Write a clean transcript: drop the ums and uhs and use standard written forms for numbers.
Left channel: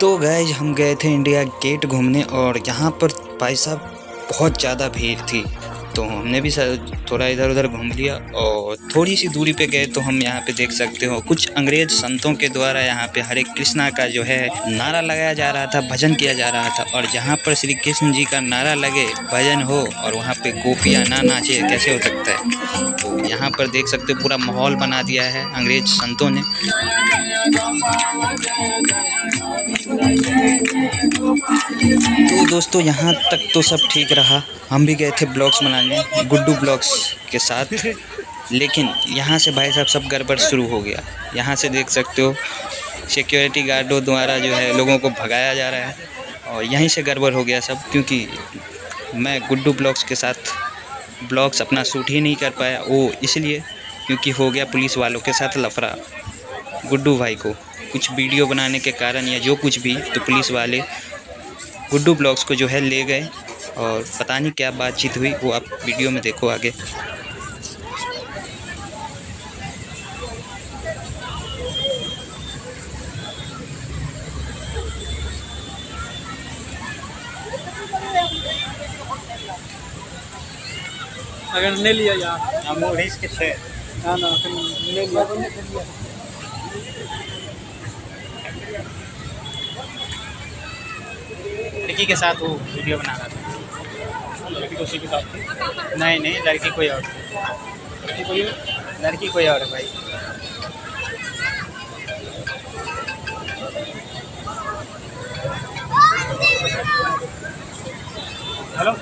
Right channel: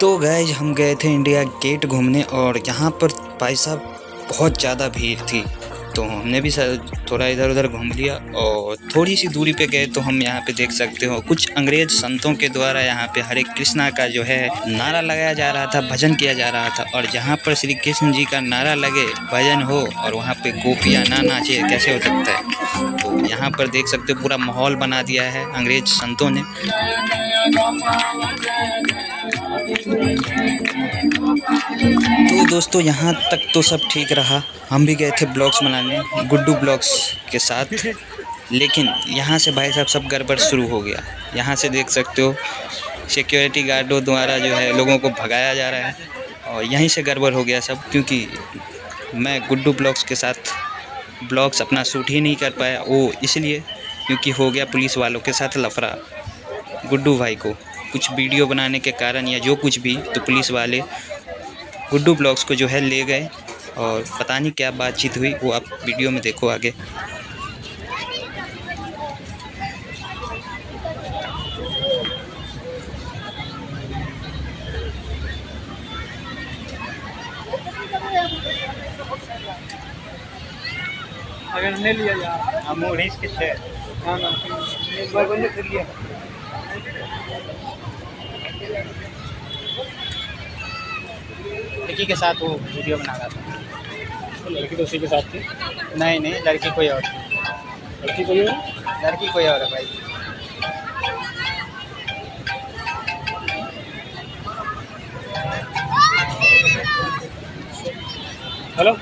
तो गाइस हम गए थे इंडिया गेट घूमने और यहाँ पर भाई साहब बहुत ज़्यादा भीड़ थी। तो हमने भी थोड़ा इधर उधर घूम लिया और थोड़ी सी दूरी पे गए तो हम यहाँ पे देख सकते हो कुछ अंग्रेज संतों के द्वारा यहाँ पे हरे कृष्णा का जो है नारा लगाया जा रहा था, भजन किया जा रहा था। और जहाँ पर श्री कृष्ण जी का नारा लगे, भजन हो और वहाँ पे गोपियाँ ना नाचे, कैसे हो सकता है। तो यहाँ पर देख सकते हो पूरा माहौल बना दिया है अंग्रेज संतों ने। तो दोस्तों यहाँ तक तो सब ठीक रहा। हम भी गए थे ब्लॉग्स बनाने गुड्डू ब्लॉग्स के साथ, लेकिन यहाँ से भाई साहब सब गड़बड़ शुरू हो गया। यहाँ से देख सकते हो सिक्योरिटी गार्डों द्वारा जो है लोगों को भगाया जा रहा है और यहीं से गड़बड़ हो गया सब, क्योंकि मैं गुड्डू ब्लॉग्स के साथ ब्लॉग्स अपना शूट ही नहीं कर पाया। वो इसलिए क्योंकि हो गया पुलिस वालों के साथ लफड़ा। गुड्डू भाई को कुछ वीडियो बनाने के कारण या जो कुछ भी, तो पुलिस वाले गुड्डू ब्लॉग्स को जो है ले गए और पता नहीं क्या बातचीत हुई, वो आप वीडियो में देखो आगे। अगर नहीं लिया यार हम उड़ीस के छे हाँ ना फिर लिया लड़की के साथ वो वीडियो बना रहा था। लड़की तो उसी के साथ थी। नहीं लड़की कोई और, लड़की कोई है? लड़की कोई और है भाई। हेलो